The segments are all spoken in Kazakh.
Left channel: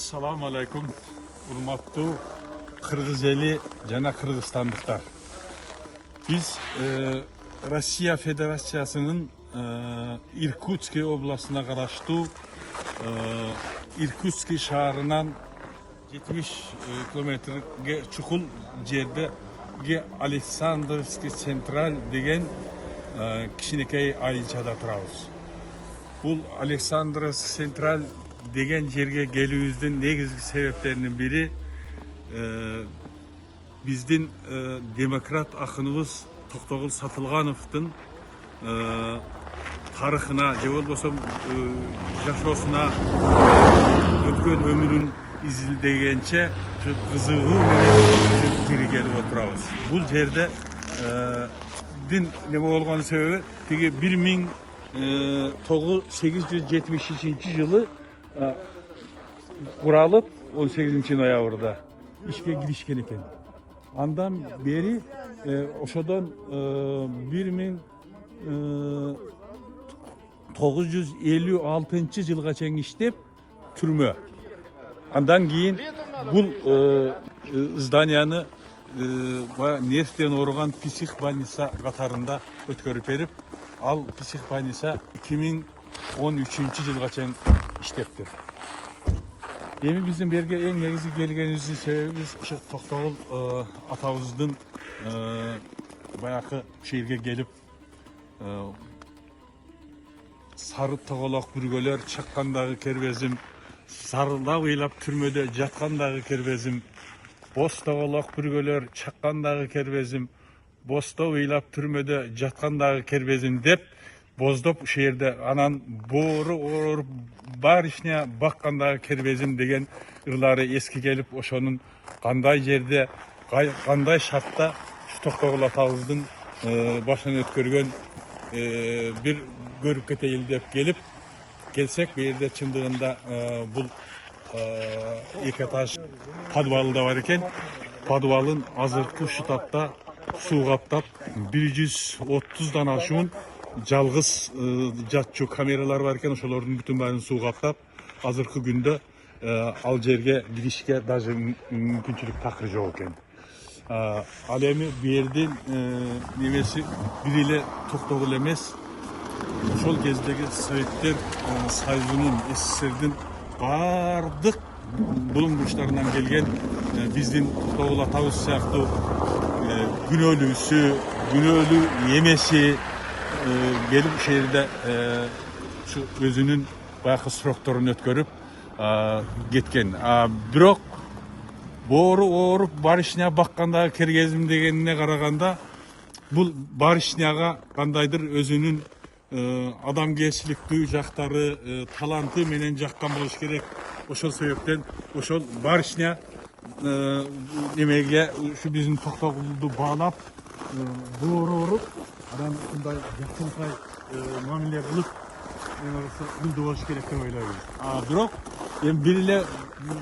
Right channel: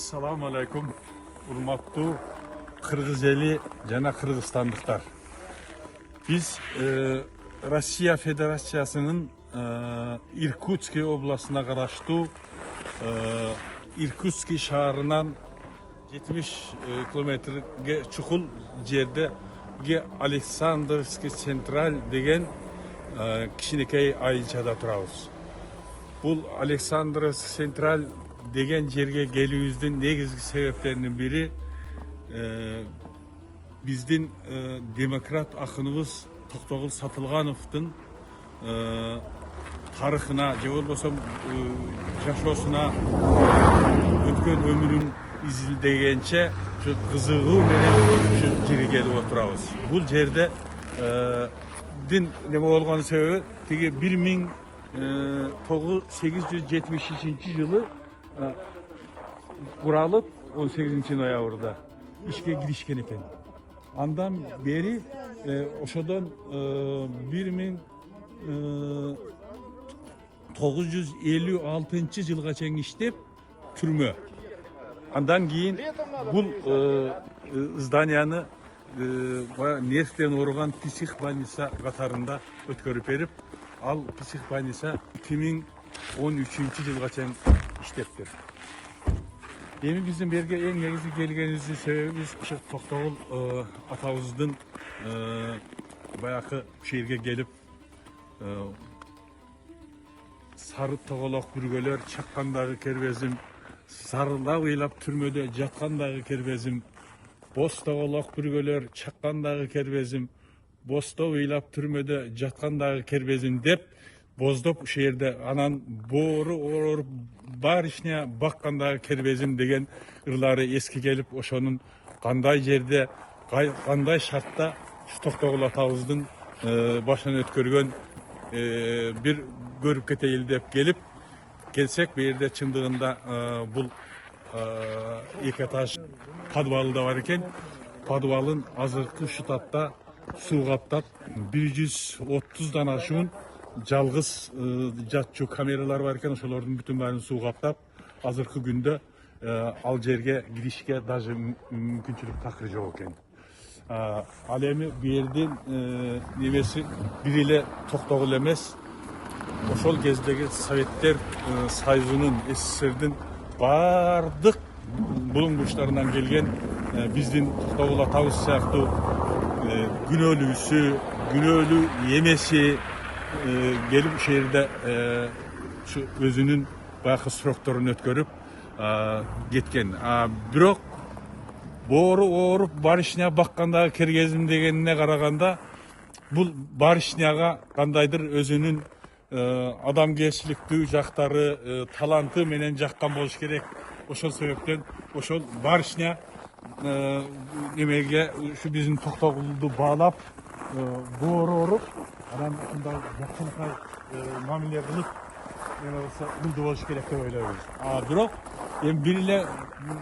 Assalamu alaikum. Urmatlı Kırgız eli jana Kırgızstandıklar. Biz Rusya Federasyası'nın Irkutsk oblasına qarashlı Irkutsk şaharından 70 kilometrege çukul jerde Aleksandrovsk Central degen kişinekey ayılçada turabız. Bu Aleksandrovsk Central degen жерге келүүбүздүн негизги себептеринин бири биздин демократ акыныбыз Токтогул Сатылгановдун тарыхына же болбосо жашоосуна өткөн өмүрүн изилдегенче кызыгуу менен кири келип отурабыз. Бул жерде неме болгон себеби тиги 1873 жылы kurulup 18. noyabrda işe girişken eken. Andan beri oşadan 1956 yılga çen işlep türmö. Andan keyin bu zdaniyany nervden orugan psих больница katarında ötkörüp berip, al psих больница 2013 yılga çen işleptir. Yeni bizim berge en negizgi gelgenimizin sebebi biz Toktogul atabыздын bayakı şehirge gelip sarı toğolak bürgeler çakkandagı kerbezim, sarıda uylap türmöde jatkandagı kerbezim, boz toğolak bürgeler çakkandagı kerbezim, bozda uylap türmöde jatkandagı kerbezim dep bozdop şehirde anan boru orup barışnya bakkandagı kerbezim degen ıрлары eski gelip oşonun kanday jerde kanday şartta Toktogul atabыздын başına ötkörgön bir görüp keteyil dep gelip gelsek bu yerde çındığında bul iki etaş подвалы da var eken, подвалын azırkı şutatta su kaptap 130'dan aşığın жалгыз жатчу камералар бар экен, ошолордун бүтүн баарын суу каптап азыркы күндө ал жерге киришке даже мүмкүнчүлүк такыр жок экен. Ал эми бу жердин немеси бир эле Токтогул эмес, ошол кездеги Советтер Союзунун СССРдин баардык булуң бурчтарынан келген биздин Токтогул атабыз сыяктуу күнөөлүүсү, күнөөлүү эмеси gelip şehirde özünün bayakı sıroktorunu ötkörüp getken. Bирок boru orup barışnya bakkandagı kergezim degenine karaganda bul barışnyaga kandaydır özünün adamgerçiliktүү jaktары, talanты menen jakkan болуш керек. Ошол себептен ошол barışnya немеге şu bizim Toktogulду bağlap boru orup adam bunday jakınlıkla muamele kılıp buldu болуш керек деп ойлойбуз. Бирок эми бир эле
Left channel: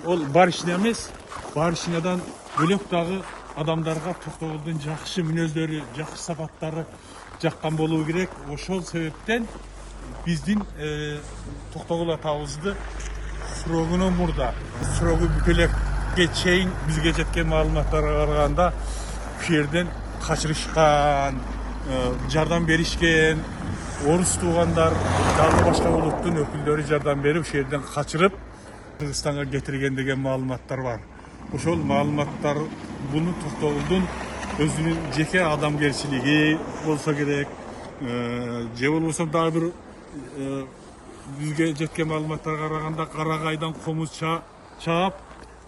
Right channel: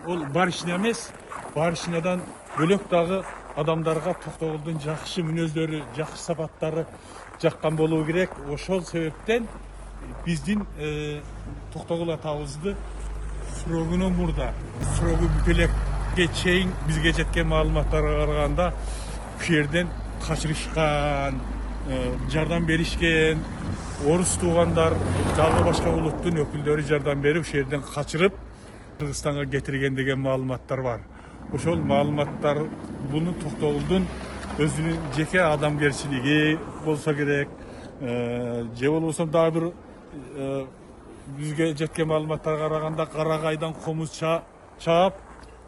ол барышня эмес, барышнядан бөлөк дагы адамдарга Токтогулдун жакшы мүнөздөрү, жакшы сапаттары жаккан болуу керек. Ошол себептен биздин Токтогул атабызды срогунун мурда, срогу бүтөлекке чейин бизге жеткен маалыматтарга караганда бу жерден качырышкан, жардам беришкен, орус туугандар, дагы башка улуттун өкүлдөрү жардам берип, ошол жерден качырып Кыргызстанга кетирген деген маалыматтар бар. Ошол маалыматтар буну Токтогулдун өзүнүн жеке адамгерчилиги болсо керек, же болбосо дагы бир бизге жеткен маалыматтарга караганда Карагайдан комуз чаап, ошол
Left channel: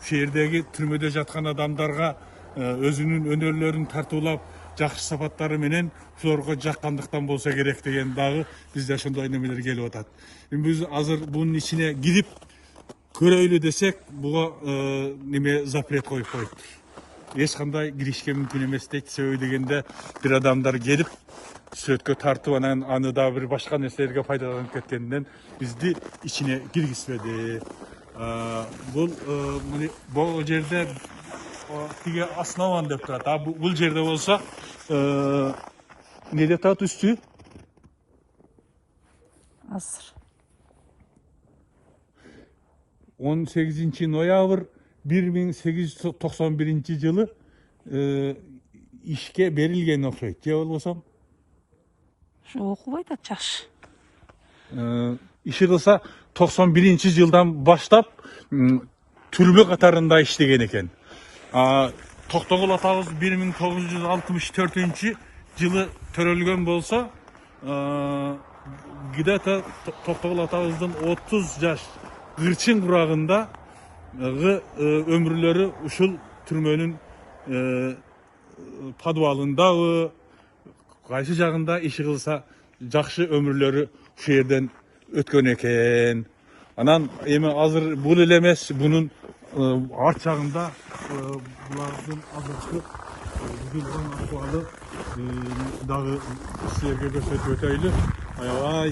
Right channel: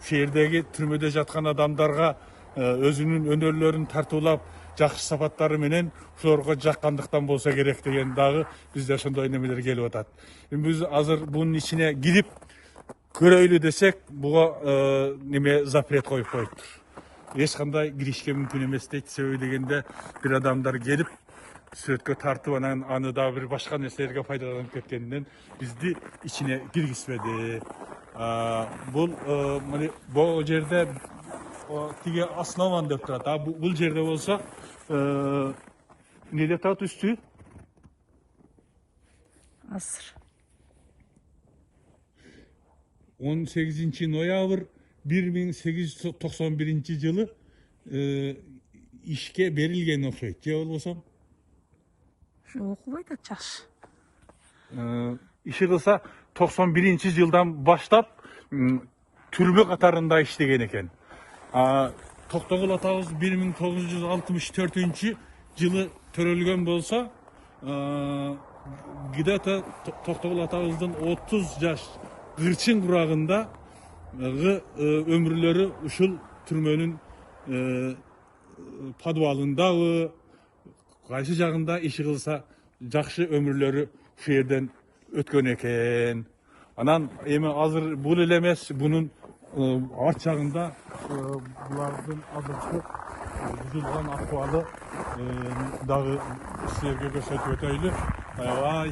жердеги түрмөдө жаткан адамдарга өзүнүн өнөрлөрүн тартуулап, жакшы сапаттары менен ошолорго жаккандыктан болсо керек деген дагы бизде ошондой немелер келип атат. Эми биз азыр бунун ичине кирип көрөйлү десек, буга неме запрет коюп коюптур. Эч кандай киришке мүмкүн эмес дейт. Себеби дегенде бир адамдар келип сүрөткө тартып анан аны дагы бир башка нерселерге пайдаланып кеткенден бизди ичине киргизбеди. Бул жерде тиги основан деп турат. Бул жерде болсо неде турат үстү? Асыр. 18 noyabr 1891 жылы işke berilgen okşayt. Je bolbosam? Okubay da çaş. İşi kılsa 91 жылдан баштап türbe katarında işlеген eken. Тоқтоғұл атабыз 1964 жылы төрөлгөн болса, где-то Тоқтоғұл атабыздың 30 жаш гырчын құрағында ömürleri ушул түрмөнүн подвалында кайсы жагында иши кылса жакшы ömürleri ушул жерден өткөн экен. Анан эми азыр бул эле эмес, бунун арт жагында булардын азыркы бузулган акыбалы дагы силерге көрсөтүп өтөйлү. Аябай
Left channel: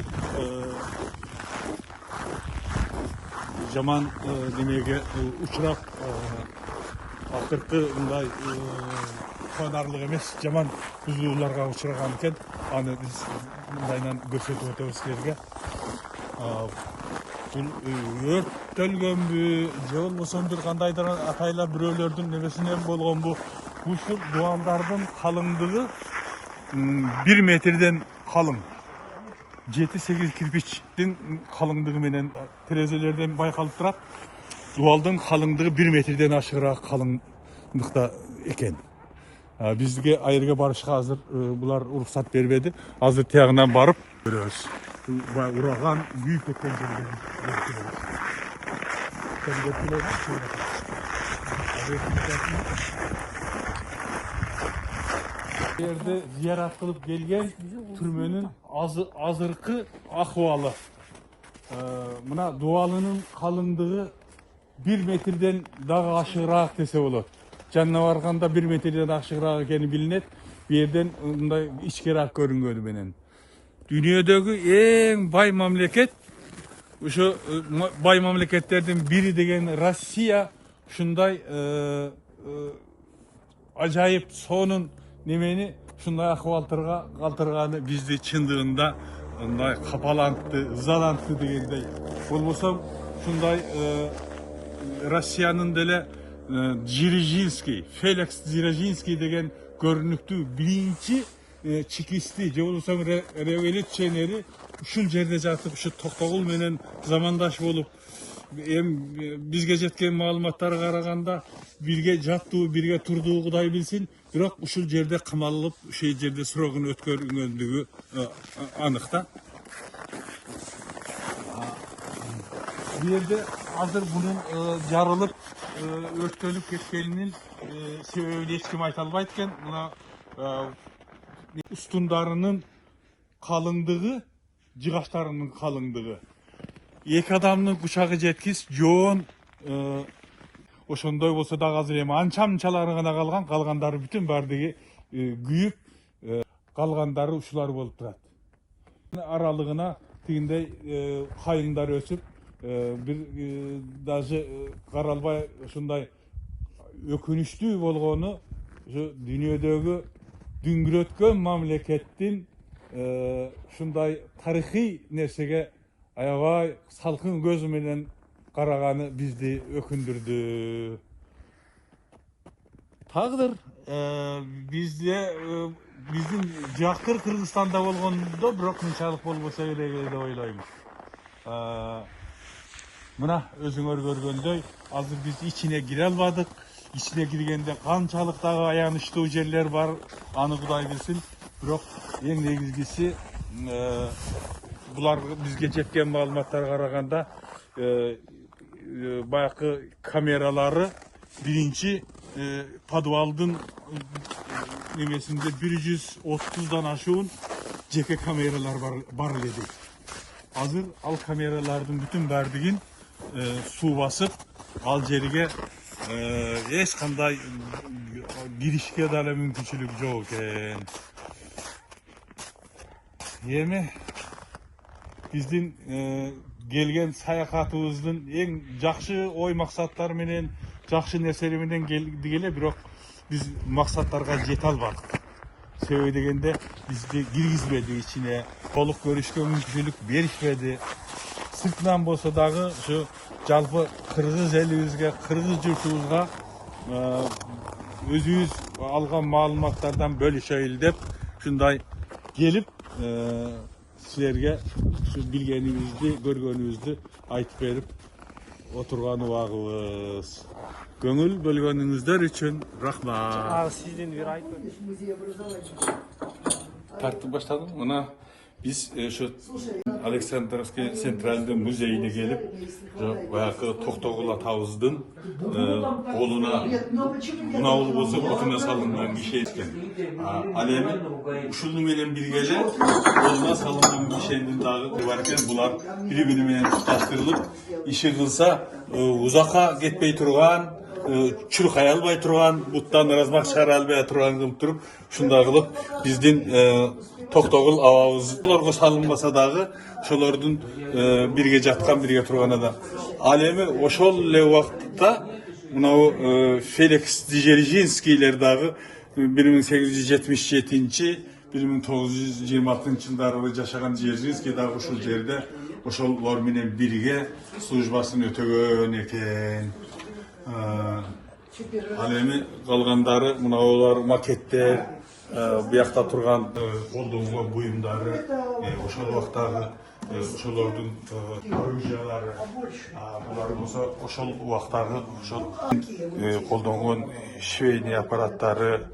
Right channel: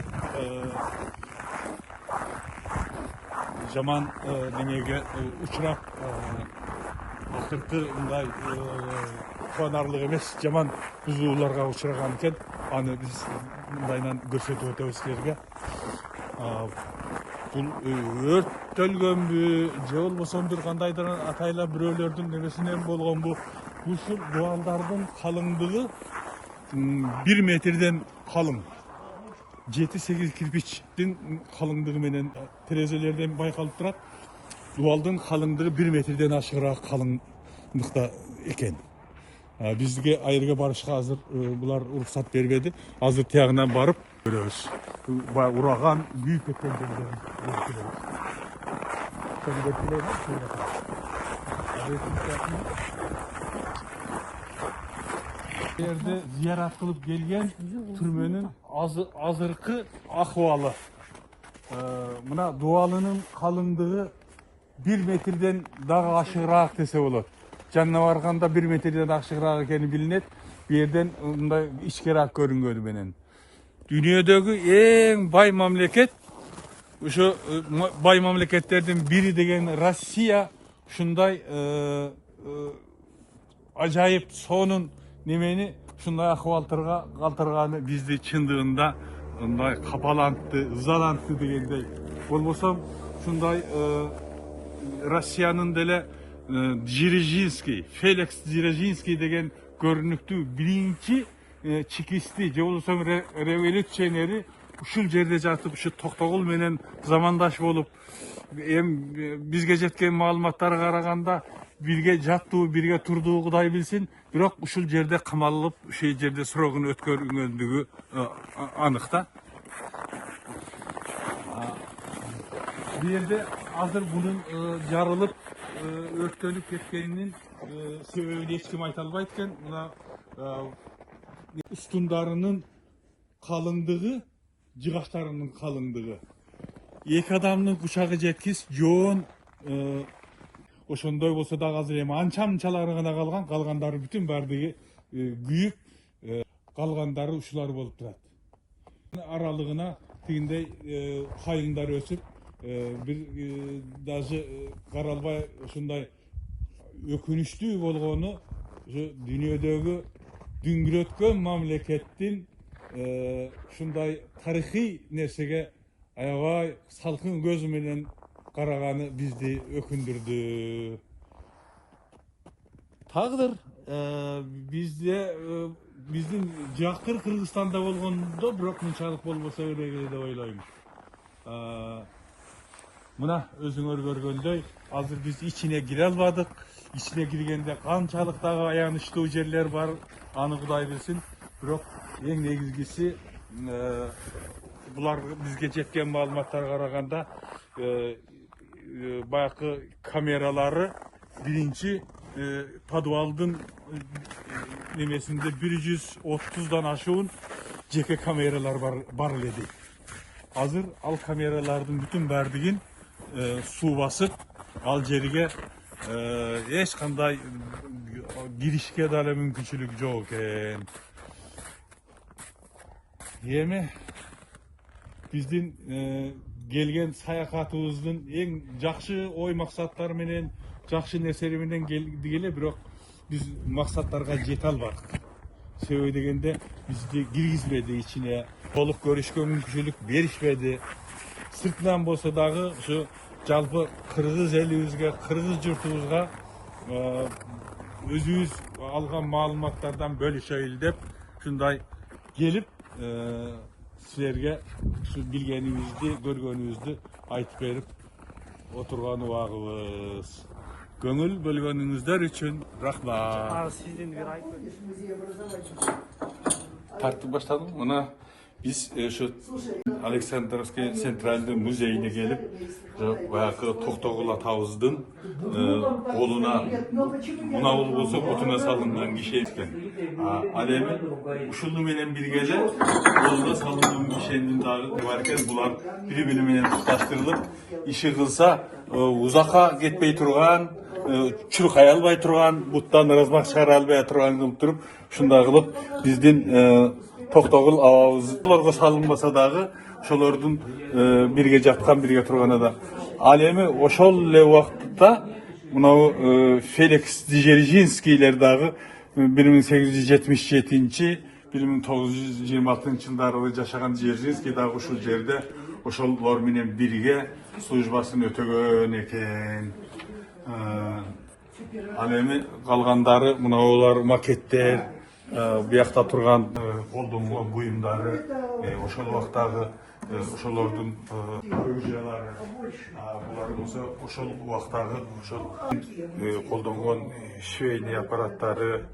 жаман демеге учурап акыркы мындай кубанарлык эмес жаман бузууларга учураган экен. Аны биз мындайынан көрсөтүп өтөбүз силерге. Бул өрттөлгөнбү же болбосо бир кандайдыр атайлар бирөөлөрдүн немесинен болгонбу? Ушул дуалдардын калыңдыгы 1 метрден калың. 7-8 кирпичтин калыңдыгы менен терезелерден байкалып турат. Дуалдын калыңдыгы 1 метрден ашыгыраак калыңдыкта экен. Бизге айырга барышка азыр булар уруксат бербеди. Азыр тиягынан барып көрөбүз. Ураган күйүп кеткен жерден жерде зиярат кылып келген түрмөнүн азыркы акыбалы. Мына дуалынын калыңдыгы 1 метрден дагы ашыгыраак десе болот. Жанына барганда 1 метрден ашыгыраак экени билинет. Бу жерден мындай ичкераак көрүнгөнү менен. Dünyadagi eng bay mamlaket, o'sha bay mamlakatlardan biri degan Rossiya shunday ajoyib sonun nemeni shunday ahvollarga qaltirgani bizni chindığında unday kapalantı, ızalantı degandey. Bo'lmasam shunday Rossiyanın dele Dzержинский, Felix Dzержинский degan görünüktü birinci çikisti, je bolsam revolutsioneri ушул жерде жатып, ушу Токтогул менен замандаш болуп, бизге жеткен маалыматтарга караганда бирге жаттуу, бирге турдуу Кудай билсин, бирок ушул жерде камалып, ушул жерде срогун өткөргөндүгү анык да. Бу жерде азыр бунун жарылып өрттөлүп кеткенинин себебин эч ким айта албайт экен. Мына устундарынын калыңдыгы, жыгачтарынын калыңдыгы. Эки адамдын кучагы жеткис, жоон ошондой болсо дагы азыр эми анча-мынчалары гана калган, калгандары бүтүн бардыгы күйүп, калгандары ушулар болуп турат. Аралыгына тигиндей хайыңдар өсүп, бир даже каралбай ушундай өкүнүчтүү болгону дүйнөдөгү дүңгүрөткөн мамлекеттин шундай тарыхый нерсеге аябай салкын көз менен караганы бизди өкүндүрдү. Тагдыр биздин жакыр Кыргызстанда болгондо бирок мынчалык болбосо керек деп ойлойм. Мына өзүңөр көргөндөй, азыр биз ичине кире албадык. İçine girgende kançalık dagı ayanıştığı yerler var, anı Kuday bilsin. Bирок en negizgisi bular bizge жеткен маалыматтарга караганда баягы камералары биринчи подвалдын немесинде 130дан ашуун жеке камералар бар эле дейт. Азыр ал камералардын бүтүн бардыгын суу басып, ал жерге eş kanday girişke dala mümkünçülük yok eкен. Yemi bizdin gelgen sayakatımыздın en jakşı oy maksatları menen, jakşı neseli menen geldi gele, bирок biz maksatlarga jete albadık. Sebebi degende bizdi girgizmedi içine, толук көрүшкө мүмкүнчүлүк беришпеди. sırtından bolsa dağı şu жалпы Kırgız elibizge, Kırgız jurtubuzga özübüz algan malumatlardan bölüşeyiz dep şunday gelip sizlerge şu bilgenibizdi, görgönübüzdü aytıp berip oturgan ubagыбыз. Көңүл бөлгөнүңүздөр үчүн рахмат. Тартып баштадым. Мына biz şu Александровский Центральный музейine gelip баягы Токтогул атабыздын колуна мунабул болсо отуна салынган киши экен. Ал эми ушуну менен бирге эле колуна салынган кишенин дагы бар экен. Булар бири бири менен тушташтырылып иши кылса узакка кетпей турган, чуркай албай турган, буттан размах чыгара албай турган кылып туруп, ушундай кылып биздин Токтогул абабызга салынбаса дагы ошолордун бирге жаткан, бирге турганы да. Ал эми ошол эле убакытта мынау Феликс Дзержинскийлер дагы 1877-1926 жылдары жашаган Дзержинский дагы ушул жерде ошолор менен бирге службасын өтөгөн экен. Ал эми калгандары мынаулар макеттер, биякта турган колдонгон буюмдары, ошол убактагы ошолордун оружиялары, булар болсо ошол убактагы ошол колдонгон швейный аппараттары,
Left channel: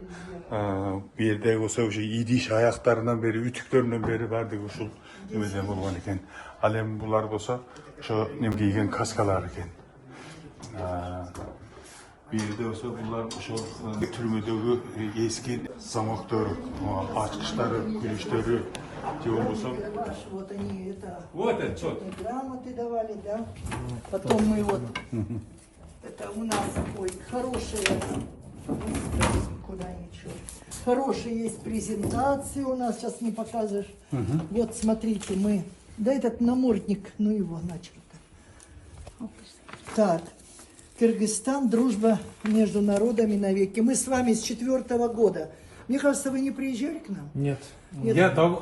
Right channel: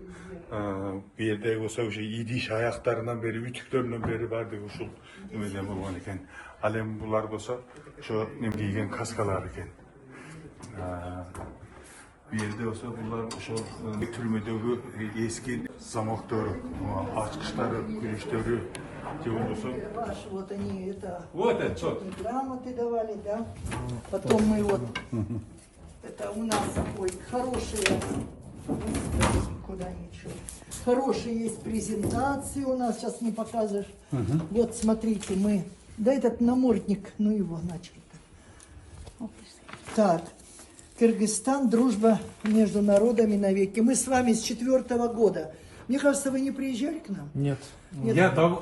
бу жердеги болсо ушу идиш аяктарынан бери, үтүктөрүнөн бери баардыгы ушул эмеден болгон экен. Ал эми булар болсо ошо неме кийген каскалар экен. Bir yerde olsa bunlar türmedeki eski zamakları, açkışları, gülüşleri, olsa. Вот они это. Вот это что? Грамоты давали, да. Потом мы вот. Это у нас ой, хорошие. Куда ничего. Хорошие есть презентации у нас. Сейчас не покажешь. Вот смотрите, мы. Да этот намордник, ну его начали-то. Так. Кыргызстан, дружба между народами навеки. Мы с вами с 4-го года. Мне кажется, вы не приезжали к нам? Нет. Я там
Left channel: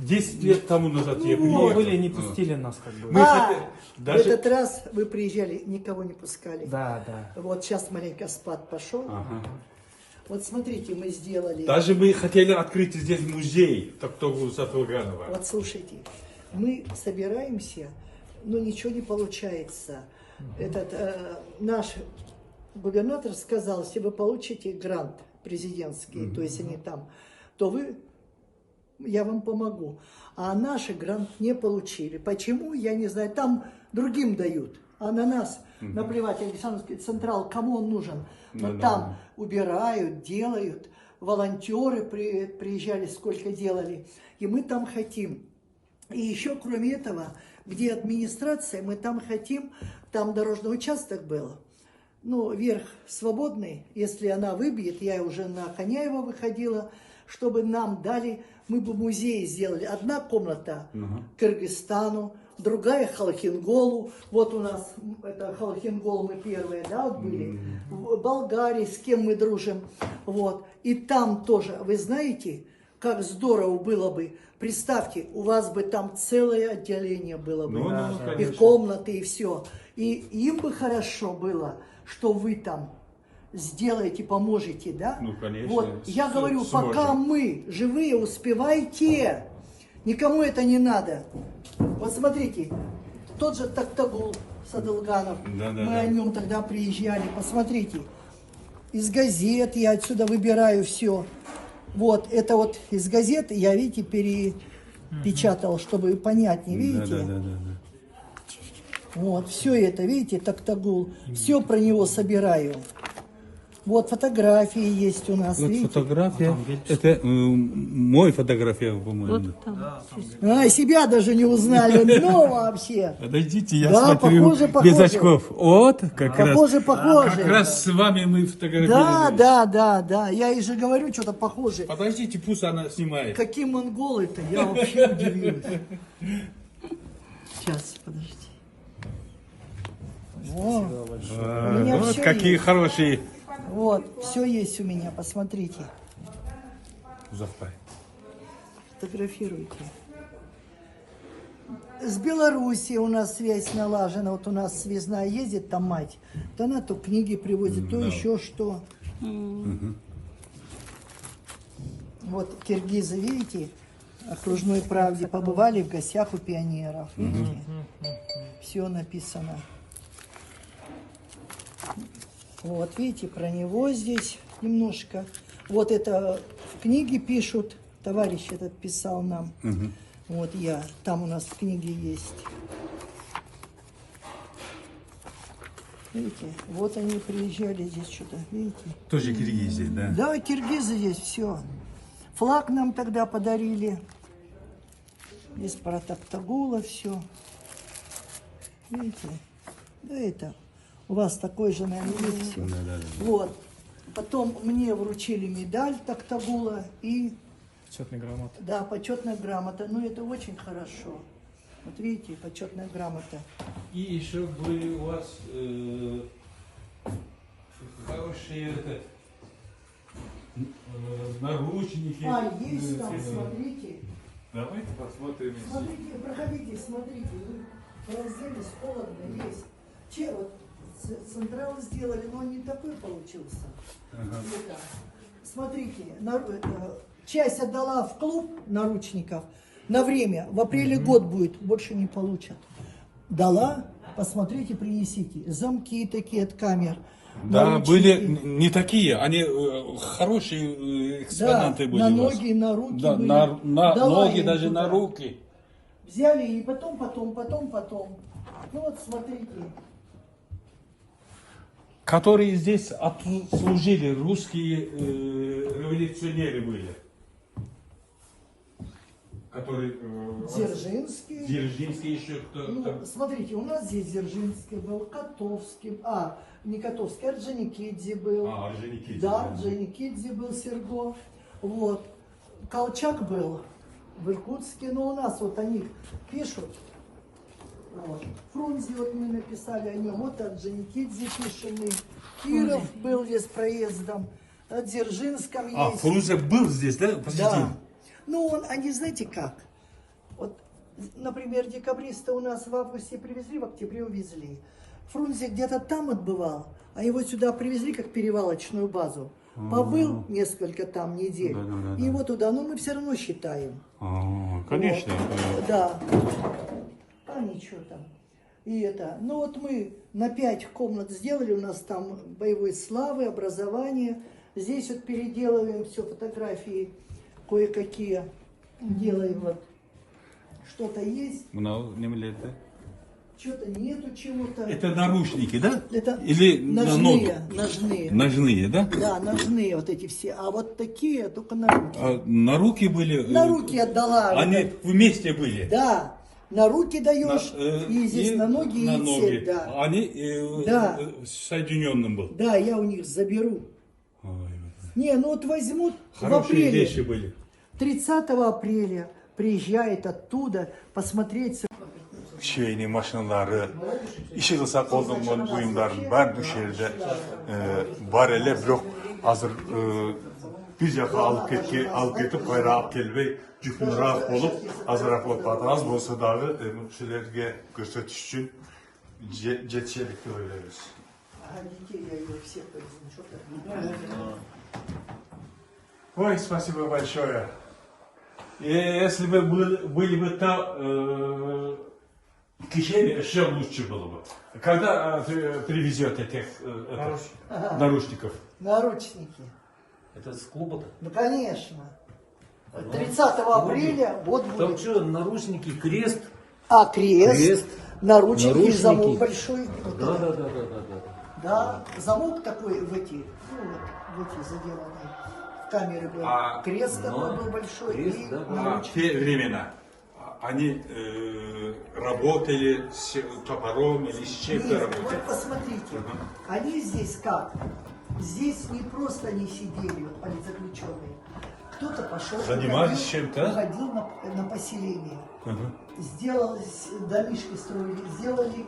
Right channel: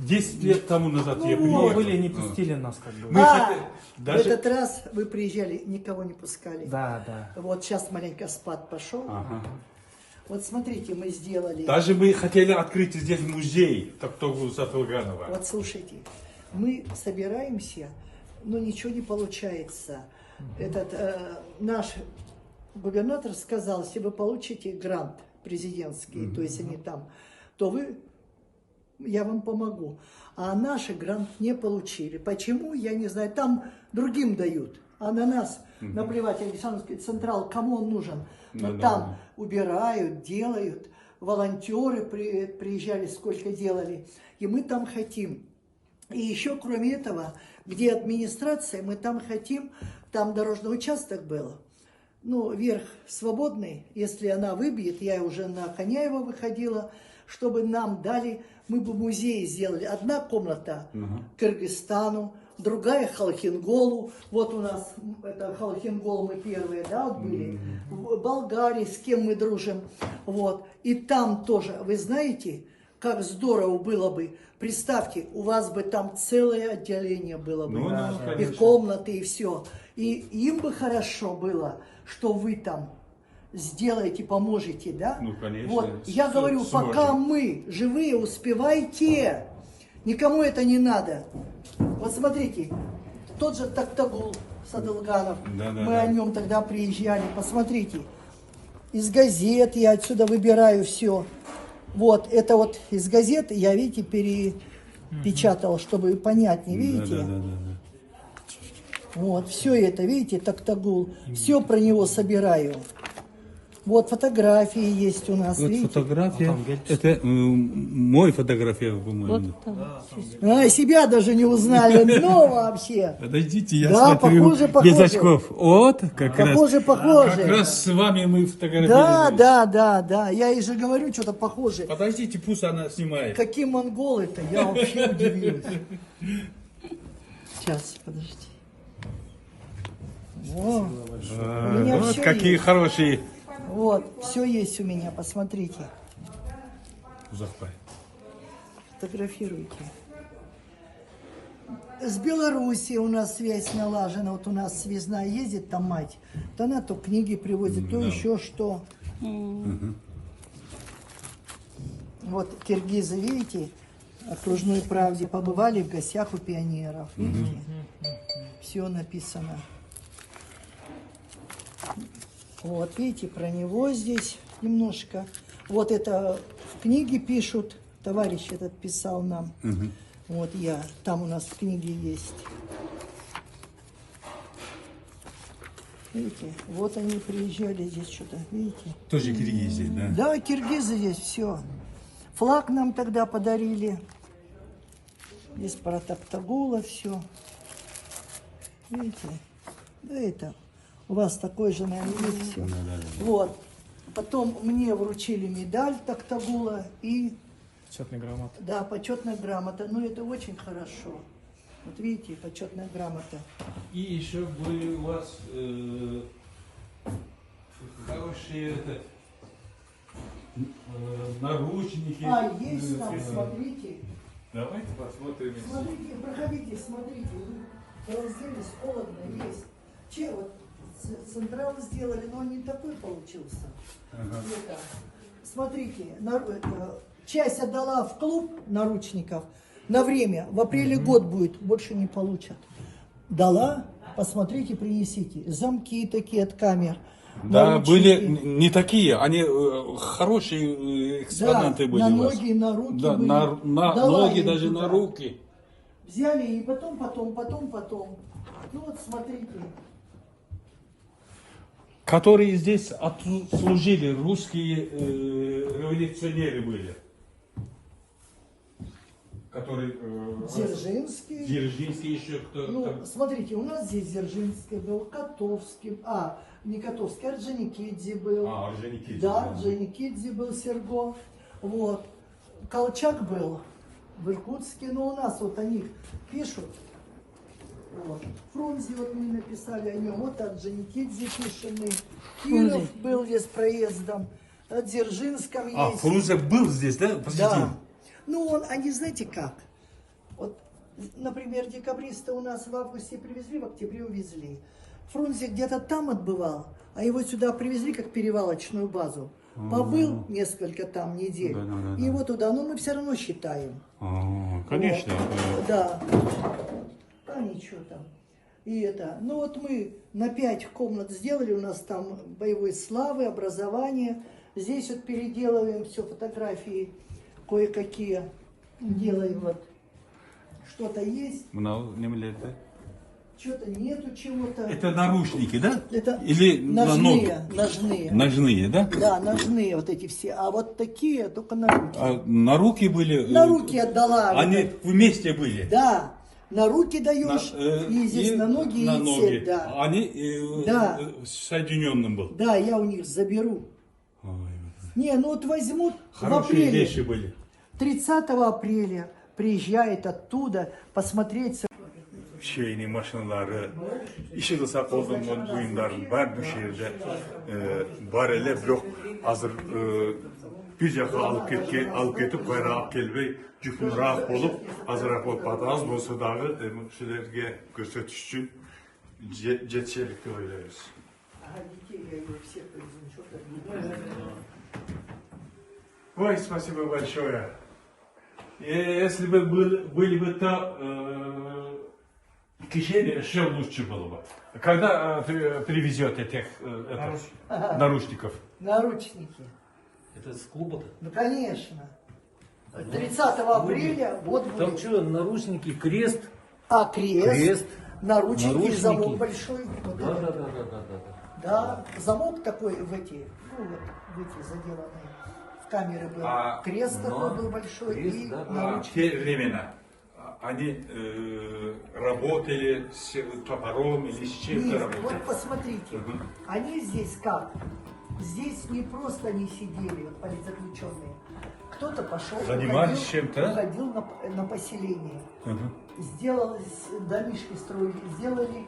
10 лет тому назад я приехал. Были, не пустили нас как бы. В этот раз вы приезжали, никого не пускали. Да, да. Вот сейчас маленько спад пошел. Ага. Вот смотрите, мы сделали. Даже мы хотели открыть здесь музей Токтогул Сатылганова. Вот слушайте, мы собираемся, но ничего не получается. Этот наш губернатор сказал, если вы получите грант президентский, то есть они там, то я вам помогу. А наши грант не получили. Почему, я не знаю. Там другим дают, а на нас наплевать. Александровский Централ, кому он нужен? Но там убирают, делают. Волонтеры приезжали, сколько делали. И мы там хотим. И еще, кроме этого, где администрация, мы там хотим, там дорожный участок был, ну, верх свободный, если она выбьет, я уже на Ханяева выходила, чтобы нам дали, мы бы музей сделали. Одна комната Кыргызстану, другая Халхинголу, вот у нас, это Халхингол мы первые, да, вот были, в Болгарии, с кем мы дружим, вот, и там тоже, вы знаете, как здорово было бы. Представьте, у вас бы там целое отделение было бы, и комнаты, и все. И им бы хорошо было, что вы там сделаете, поможете, да? Ну, конечно. Вот, я говорю, пока мы живые, успевайте, никому это не надо. Вот смотрите, тот же Токтогул Сатылганов, мы о нем тогда приезжали, посмотрите, из газет я отсюда выбираю все. Вот, это вот из газеты я, видите, перепечатал, чтобы понятнее, видите? Вот, все это, видите, Токтогул, все про него собираю. Вот фотографии есть у нас, вот видите? Фотография, это мой фотография, по-моему. Себя даже не узнали, ну вообще. Подождите, я да, смотрю похоже. Без очков. Вот, как похоже. Как раз с вами мы фотографировали. Да. Я и же говорю, что-то похоже. Подождите, пусть она снимает. Какие монголы-то, я вообще удивилась. Сейчас, подождите. О, у меня вот все какие есть. хорошие. Вот, все есть у меня, посмотрите. Захват. Фотографируйте. С Белоруссией у нас связь налажена. Вот у нас связная ездит, там мать. То она то книги привозит, то еще что. Вот киргизы, видите, окружной правде побывали в гостях у пионеров. Видите? Все написано. Вот, видите, про него здесь немножко. Вот это в книге пишут. Товарищ этот писал нам. Вот я. Там у нас в книге есть. Видите, вот они приезжали здесь что-то, видите? Тоже Киргизия, да? Да, киргизы здесь все. Флаг нам тогда подарили. Здесь про Токтагула все. Видите? Да это. У вас такой же, наверное, есть все. Вот. Потом мне вручили медаль Токтагула и... Почетная грамота. Да, почетная грамота. Ну, это очень хорошо. Вот видите, почетная грамота. И еще были у вас хорошие наручники. А, есть там, смотрите. Давайте посмотрим. Смотрите, проходите, смотрите. Вы разделись, холодно, есть. Че, вот централ сделали, но он не такой получился. Это, смотрите, часть отдала в клуб наручников на время. В апреле год будет, больше не получат. Дала, посмотрите, принесите. Замки такие от камер. Да, наручники. были не такие, они хорошие экспонаты Да, были на у вас. ноги, на руки Да, были. на Дала ноги, им даже туда. на руки. Взяли и потом. Ну вот смотрите. Которые здесь служили, русские революционеры были. Которые... Дзержинский. Дзержинский еще кто-то. Ну, смотрите, у нас здесь Дзержинский был, Котовский, не Котовский, Орджоникидзе был. Орджоникидзе. Да, Орджоникидзе был Серго. Вот. Колчак был в Иркутске, но у нас вот они пишут. Вот. Фрунзе вот мы написали о нем, вот Орджоникидзе пишем мы. Киров был здесь проездом, о Дзержинском есть. Фрунзе был здесь, да? Да. Ну, они знаете как? Вот, например, декабриста у нас в августе привезли, в октябре увезли. Фрунзе где-то там отбывал, а его сюда привезли как перевалочную базу. Побыл несколько там недель, и его туда, но мы все равно считаем. Конечно. Вот. Да. А ничего там. И это. Ну вот мы на 5 комнат сделали, у нас там боевой славы, образование. Здесь вот переделываем все, фотографии кое-какие делаем вот. Что-то есть, что-то нету чего-то. Это наручники, да? Это Или ножные, на ножные. Ножные, да? Да, ножные вот эти все. А вот такие только на руки. А на руки были? На руки отдала. Они вместе были? Да. На руки даешь, и здесь на ноги, на и ноги. цель, да. Они Да. соединенным был. Да, я у них заберу. Не, ну вот возьмут в Хорошие апреле. вещи были. 30 апреля приезжает оттуда посмотреть. Şeyini, maşınları, işi kısa olduğundan buyumların var bu şehirde var ele yok. Hazır bir defa alıp getip bayrağı kelbey cükunrak olup hazırak olup az bolsa dağı şeylerge gösteriş için jetçilikte öyleyiz. Ой, спасибо большое. Если бы были бы то течение, еще лучше было бы. Когда привезете этих наручников? Наручники. Это с клуба? Ну, конечно. 30 апреля вот Там будет. что, наручники, крест? А крест, Крест, наручники, наручники. замок большой. Да. Да, замок такой в эти, ну вот, в эти заделанные. В камеры был. Крест такой был большой крест, и да. В наручники. те времена они работали с топором или с чем-то Нет, работали? вот посмотрите, они здесь как? Здесь не просто они сидели, политзаключенные. Кто-то пошел, Занимались чем-то? уходил на поселение. Сделались, домишки строили, сделали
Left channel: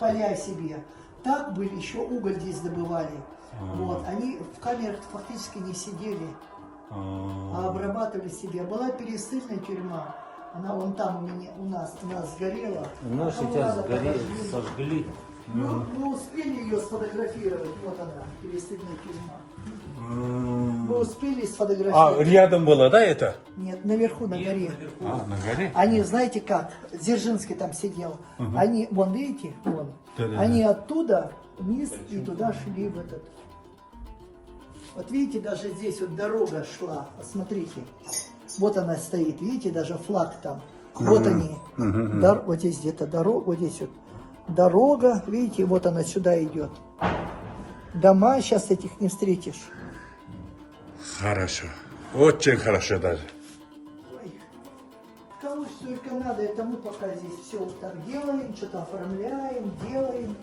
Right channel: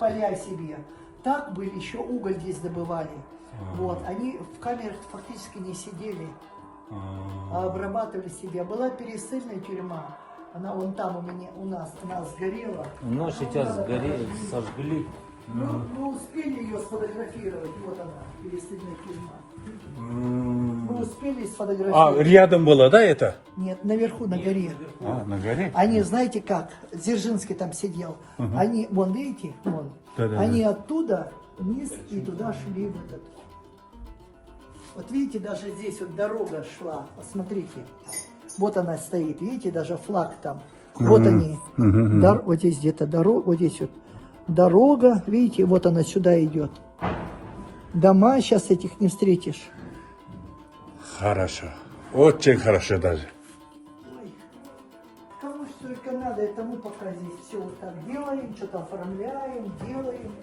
поля себе. Так были, еще уголь здесь добывали. Вот, они в камерах фактически не сидели, а обрабатывали себя. Была пересыльная тюрьма. Она вон там у нас сгорела. Ну, А сейчас надо сгорели, подожди. сожгли. Ну, мы успели ее сфотографировать. Вот она, перестельная тюрьма. Мы успели сфотографировать. Рядом было, да, это? Нет, наверху, на горе. А, на горе? Они, знаете как, Дзержинский там сидел. Они, вон, видите, вон. Да-да-да. Они оттуда вниз и туда шли в этот. Вот видите, даже здесь вот дорога шла. Посмотрите. Вот она стоит. Видите, даже флаг там. Вот они. Вот здесь где-то дорога. Вот здесь вот дорога. Видите, вот она сюда идет. Дома сейчас этих не встретишь. Хорошо. Очень хорошо даже. Ой, кому только надо, это мы пока здесь все вот так делаем, что-то оформляем, делаем.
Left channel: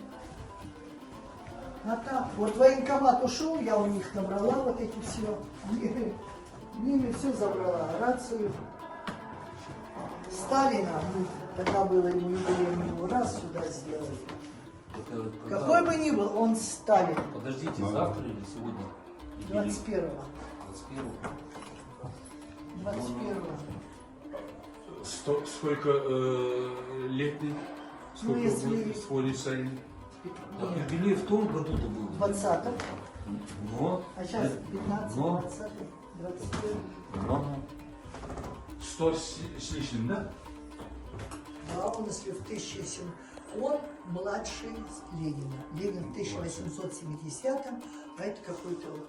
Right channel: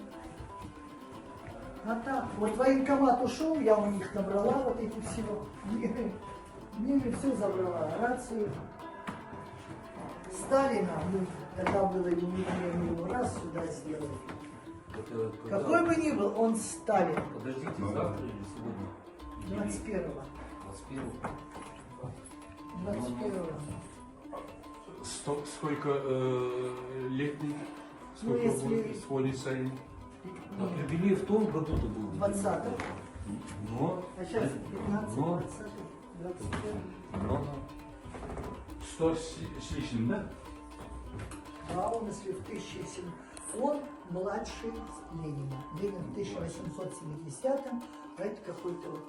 А так, вот военкомат ушел, я у них набрала вот эти все. Мне все забрала, рацию. Сталина, ну, тогда было или не было, мы его раз сюда сделали. Это когда- Какой бы ни был, он Сталин. Подождите, завтра или сегодня? 21-го. 21-го. 21-го. Сколько летний? Ну, если- сводится им? А юбилей в том году-то был? 20-го. Но, А сейчас 15, но, 20, 21. но. 100 с лишним, да? Да, он если в 1700, он младший Ленина. Ленин в 1870-м, а это какой-то вот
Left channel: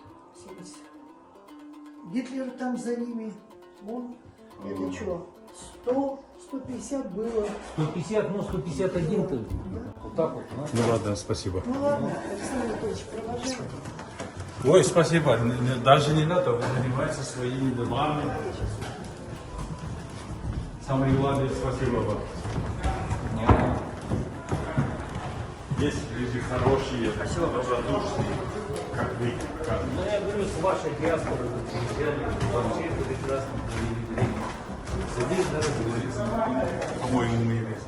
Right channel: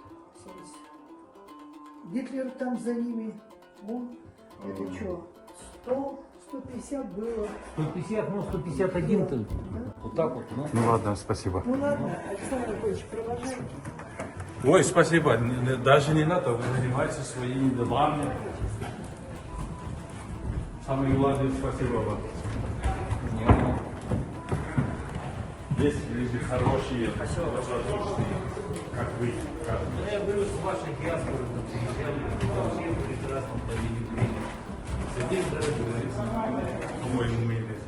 70. Гитлер там за ними, он, это что, 100, 150 было. 150, ну 151 ты. Вот так вот, ну. Ну ладно, спасибо. Ну ладно, Александр Анатольевич, провожайте. Ой, спасибо. Даже не надо, вы занимаетесь своими делами. Самое главное, спасибо вам. Есть люди хорошие, добродушные, как вы. Ну, я говорю, с вашей диаспорой приезжали, вообще прекрасно провели время. Сидишь, да, По-моему, не есть.